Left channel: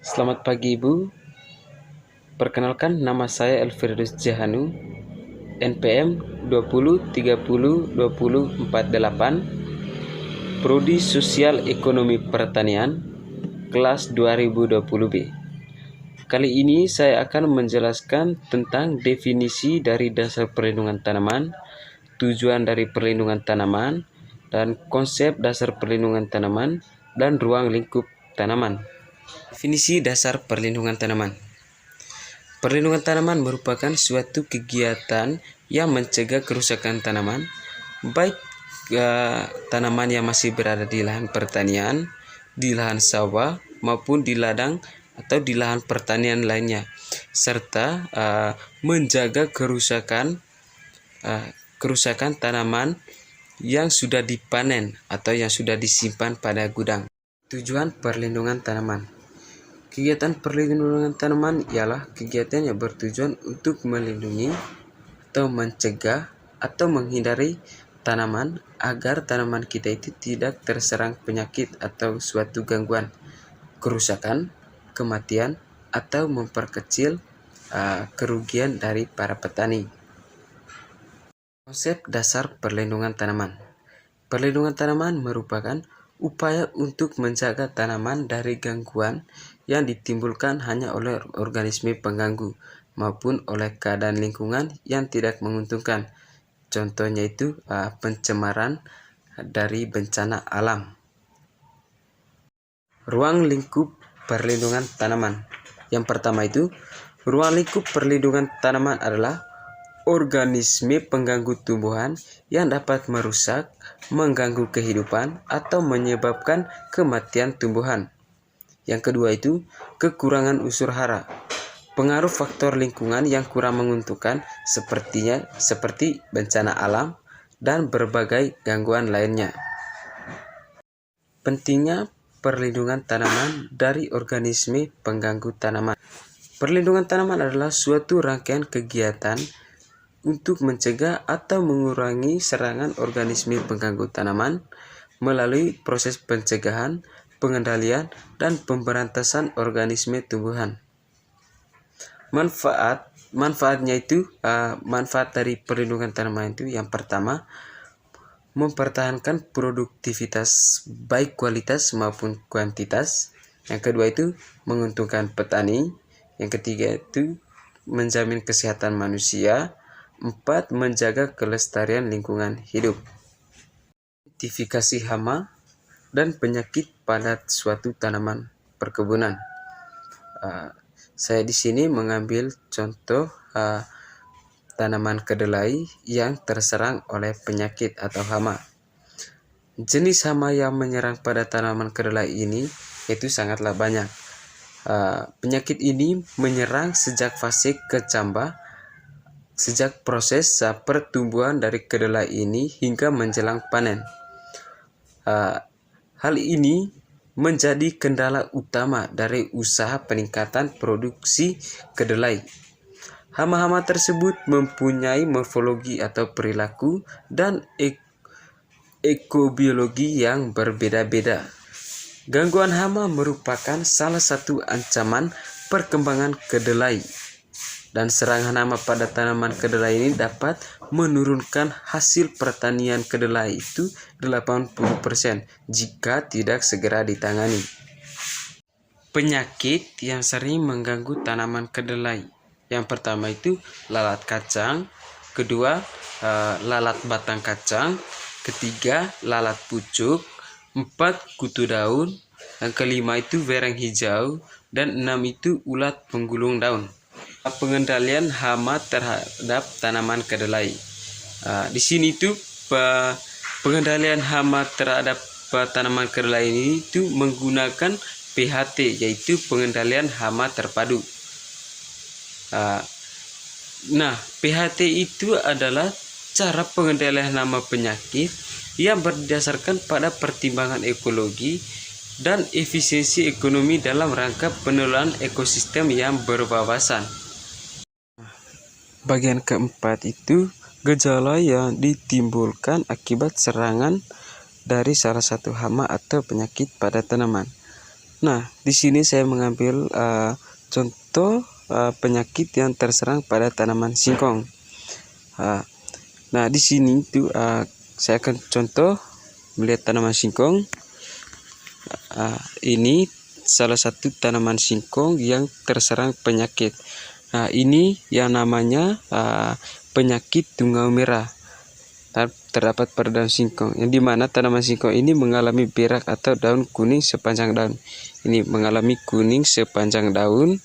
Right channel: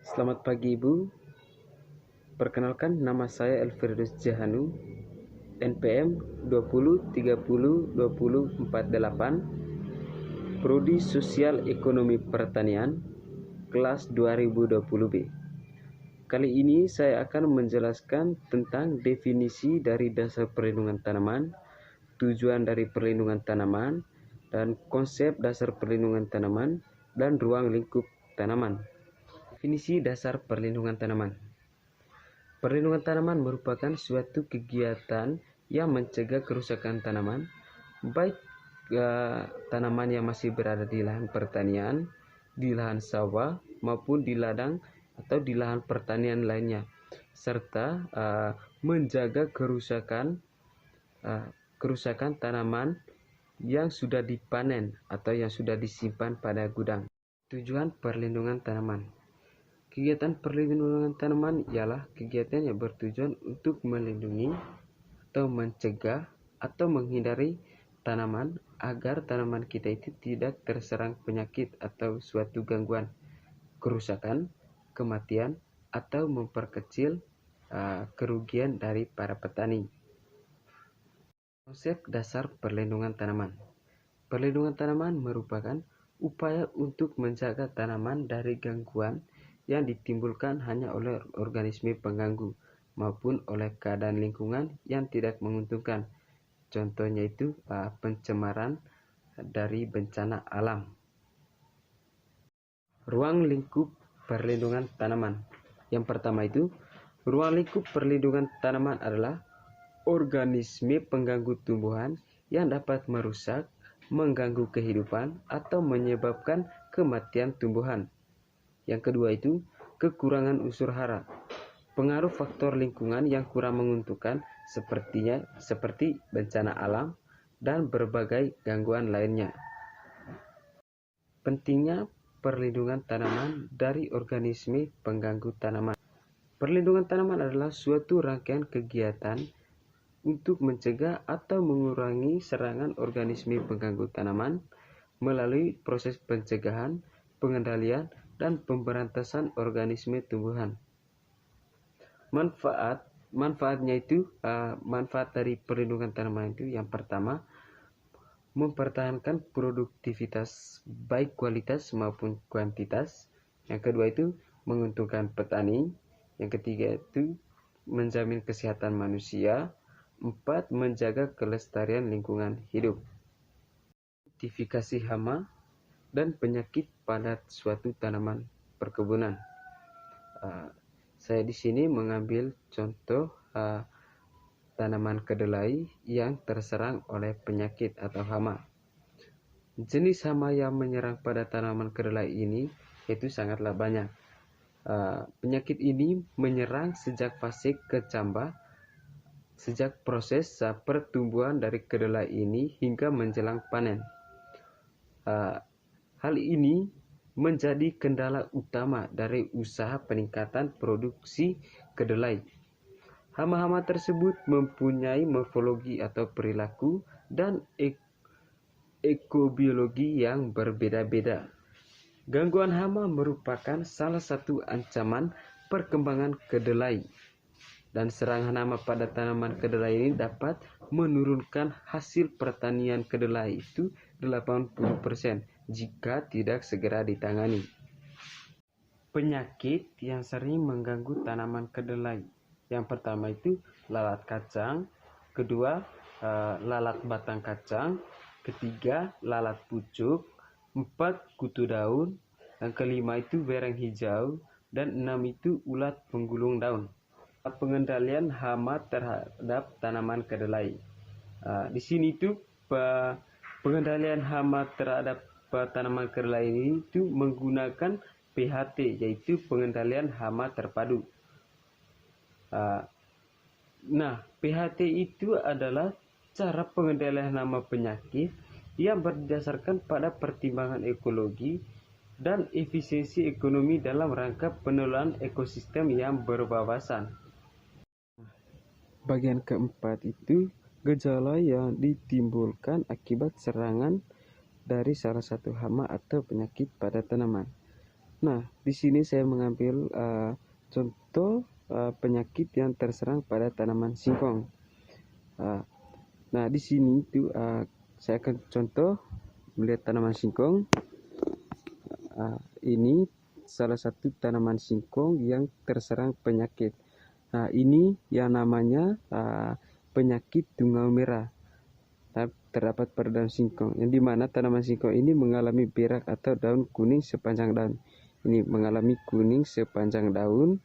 Selamat pagi Ibu, perkenalkan nama saya Elfriedus Jahanu, NPM 20302048, Prodi Sosial Ekonomi Pertanian, kelas 2020B. Kali ini saya akan menjelaskan tentang definisi dari dasar perlindungan tanaman, tujuan dari perlindungan tanaman, dan konsep dasar perlindungan tanaman dan ruang lingkup tanaman. Definisi dasar perlindungan tanaman. Perlindungan tanaman merupakan suatu kegiatan yang mencegah kerusakan tanaman, baik tanaman yang masih berada di lahan pertanian, di lahan sawah, maupun di ladang atau di lahan pertanian lainnya, serta menjaga kerusakan tanaman yang sudah dipanen atau yang sudah disimpan pada gudang. Tujuan perlindungan tanaman. Kegiatan perlindungan tanaman ialah kegiatan yang bertujuan untuk melindungi atau mencegah atau menghindari tanaman agar tanaman kita itu tidak terserang penyakit atau suatu gangguan, kerusakan, kematian, atau memperkecil kerugian dari para petani. Konsep dasar perlindungan tanaman. Perlindungan tanaman merupakan upaya untuk menjaga tanaman dari gangguan yang ditimbulkan hanya oleh organisme pengganggu maupun oleh keadaan lingkungan yang tidak menguntungkan. Contohnya itu pencemaran dari bencana alam. Ruang lingkup perlindungan tanaman. Yang pertama itu, ruang lingkup perlindungan tanaman adalah organisme pengganggu tumbuhan yang dapat merusak, mengganggu kehidupan, atau menyebabkan kematian tumbuhan. Yang kedua itu, kekurangan unsur hara. Pengaruh faktor lingkungan yang kurang menguntungkan seperti bencana alam dan berbagai gangguan lainnya. Pentingnya perlindungan tanaman dari organisme pengganggu tanaman. Perlindungan tanaman adalah suatu rangkaian kegiatan untuk mencegah atau mengurangi serangan organisme pengganggu tanaman melalui proses pencegahan, pengendalian, dan pemberantasan organisme tumbuhan. Manfaatnya itu, manfaat dari perlindungan tanaman itu yang pertama, mempertahankan produktivitas baik kualitas maupun kuantitas. Yang kedua itu menguntungkan petani. Yang ketiga itu menjamin kesehatan manusia. 4. Menjaga kelestarian lingkungan hidup. Identifikasi hama dan penyakit pada suatu tanaman perkebunan. Saya di sini mengambil contoh tanaman kedelai yang terserang oleh penyakit atau hama. Jenis hama yang menyerang pada tanaman kedelai ini itu sangatlah banyak. Penyakit ini menyerang sejak fase kecambah, sejak proses pertumbuhan dari kedelai ini hingga menjelang panen. Hal ini menjadi kendala utama dari usaha peningkatan produksi kedelai. Hama-hama tersebut mempunyai morfologi atau perilaku dan ekobiologi yang berbeda-beda. Gangguan hama merupakan salah satu ancaman perkembangan kedelai. Dan serangan hama pada tanaman kedelai ini dapat menurunkan hasil pertanian kedelai itu 80% jika tidak segera ditangani. Penyakit yang sering mengganggu tanaman kedelai. Yang pertama itu lalat kacang, kedua lalat batang kacang, ketiga lalat pucuk, 4 kutu daun, yang kelima itu bereng hijau, dan 6 itu ulat penggulung daun. Pengendalian hama terhadap tanaman kedelai. Di sini tuh pengendalian hama terhadap tanaman kedelai ini itu menggunakan PHT, yaitu pengendalian hama terpadu. Nah, PHT itu adalah cara pengendalian hama penyakit yang berdasarkan pada pertimbangan ekologi dan efisiensi ekonomi dalam rangka pengelolaan ekosistem yang berwawasan. Bagian keempat itu gejala yang ditimbulkan akibat serangan dari salah satu hama atau penyakit pada tanaman. Nah, di sini saya mengambil contoh penyakit yang terserang pada tanaman singkong. Nah, di sini tuh saya akan contoh melihat tanaman singkong. Ini salah satu tanaman singkong yang terserang penyakit. Nah, ini yang namanya penyakit tungau merah terdapat pada daun singkong, yang dimana tanaman singkong ini mengalami berak atau daun kuning sepanjang daun. Ini mengalami kuning sepanjang daun.